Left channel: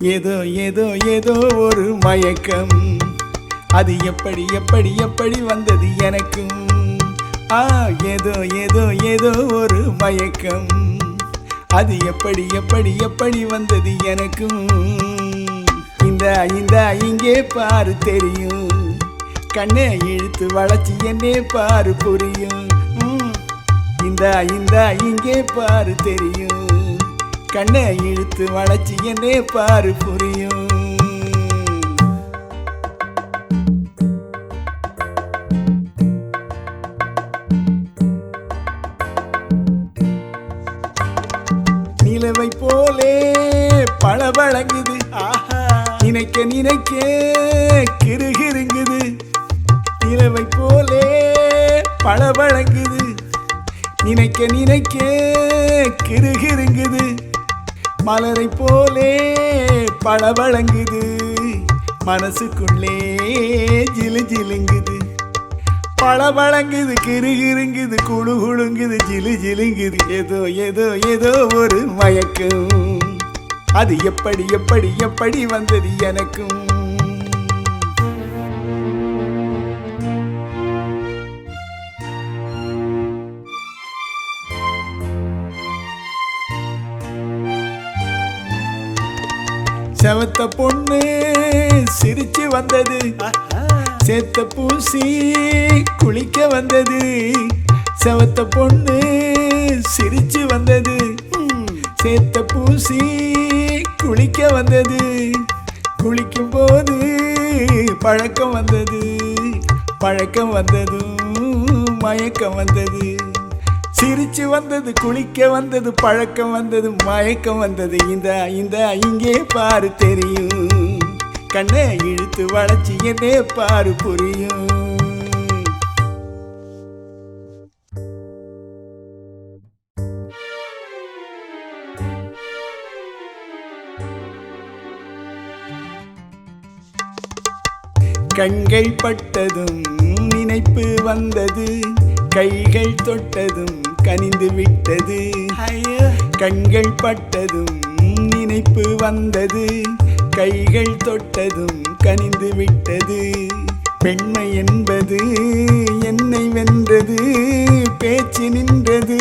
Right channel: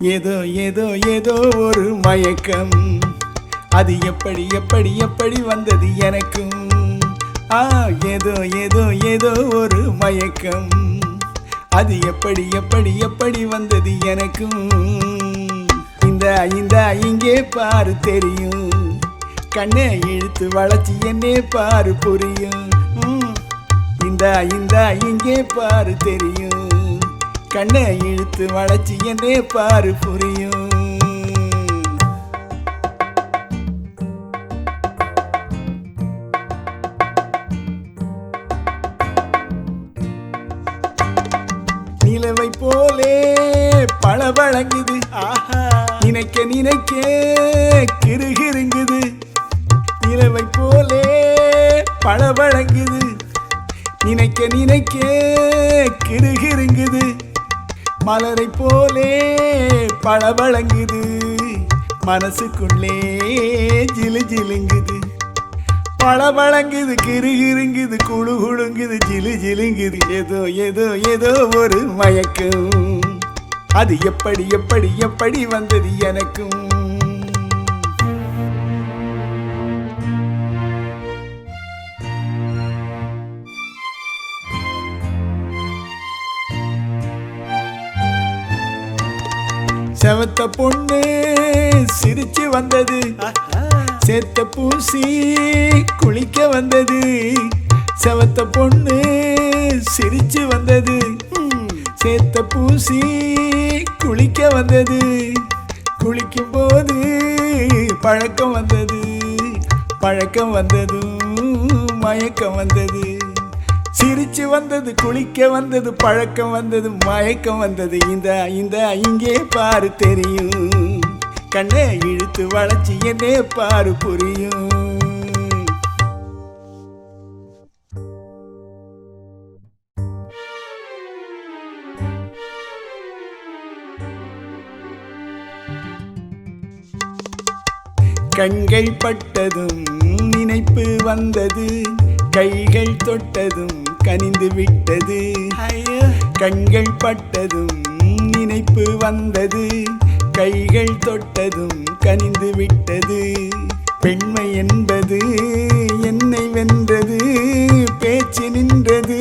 ஏதோ ஏதோ ஏதோ ஒரு மயக்கம், அது எப்படி எப்படி எப்படி வந்தது எனக்கும். ஏதோ ஏதோ ஏதோ ஒரு மயக்கம், அது எப்படி எப்படி எப்படி வந்தது எனக்கும். இந்த இந்த இங்கே பாரு தெரியும், கண்ணை இழுத்து வளைச்சி என்னே பாரு புரியும். இந்த இந்த இங்கே பாரு தெரியும், கண்ணை இழுத்து வளைச்சி என்னே பாரு புரியும். நிலவை போலே பளபளங்குது, நினைக்க நினைக்க கிருகிருங்குது. நிலவை போலே பளபளங்குது, நினைக்க நினைக்க கிருகிருங்குது. மலரை போலே பளபளங்குது, மனசுக்குள்ளே ஜிலு ஜிலுங்குது. பளபளங்குது, கிருகிருங்குது, குழு குழுங்குது, ஜிலு ஜிலுங்குது. ஏதோ ஏதோ ஏதோ ஒரு மயக்கம், அது எப்படி எப்படி எப்படி வந்தது எனக்கும். செவத்த பொண்ணு சிரிச்சு வந்தது, சேத்த பூசி குளிக்க வந்தது. செவத்த பொண்ணு சிரிச்சு வந்தது, சேத்த பூசி குளிக்க வந்தது. குளிக்கும் போது பழக்கம் வந்தது, பழக்கம் வந்ததும் மயக்கம் வந்தது. சிரிச்சு வந்தது, குளிக்க வந்தது, பழக்கம் வந்தது, மயக்கம் வந்தது. இந்த இந்த இங்கே பாரு தெரியும், கண்ணை இழுத்து வளைச்சி என்னே பாரு புரியும். கண்கள் பட்டதும் நினைப்பு வந்தது, கைகள் தொட்டதும் கனிந்து விட்டது. கண்கள் பட்டதும் நினைப்பு வந்தது, கைகள் தொட்டதும் கனிந்து விட்டது. பெண்மை என்பது என்னை வென்றது, பேச்சு நின்றது,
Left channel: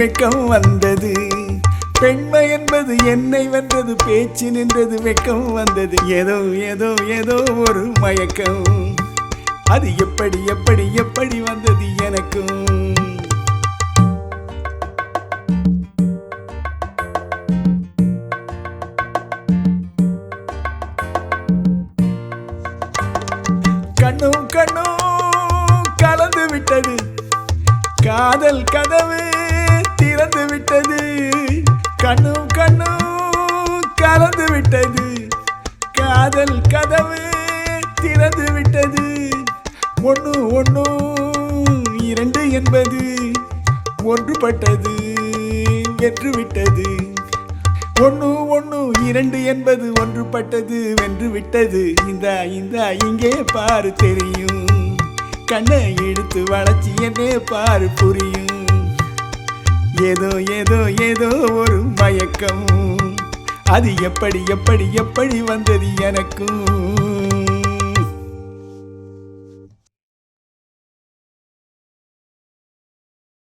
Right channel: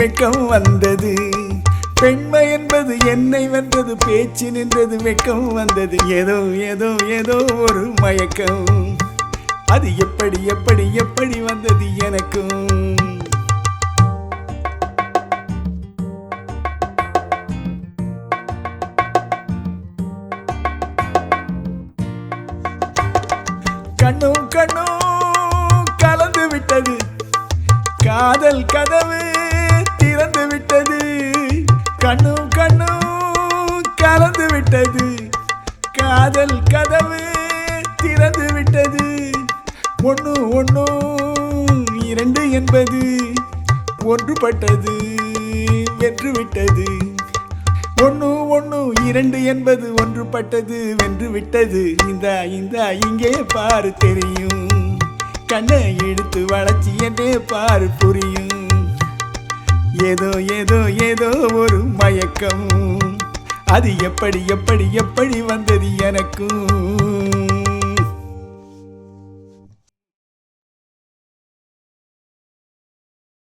வெட்கம் வந்தது. பெண்மை என்பது என்னை வென்றது, பேச்சு நின்றது, வெட்கம் வந்தது. ஏதோ ஏதோ ஏதோ ஒரு மயக்கம், அது எப்படி எப்படி எப்படி வந்தது எனக்கும். கண்ணும் கண்ணும் கலந்து விட்டது, காதல் கதவு திறந்து விட்டது. கண்ணும் கண்ணும் கலந்து விட்டது, காதல் கதவு திறந்து விட்டது. ஒன்று ஒன்று இரண்டு என்பது ஒன்றுபட்டது, வென்று விட்டது. ஒன்று ஒன்று இரண்டு என்பது ஒன்றுபட்டது, வென்று விட்டது. இந்த இந்த இங்கே பாரு தெரியும், கண்ணை இழுத்து வளைச்சி என்னே பாரு புரியும். ஏதோ ஏதோ ஏதோ ஒரு மயக்கம், அது எப்படி எப்படி எப்படி வந்தது எனக்கும்.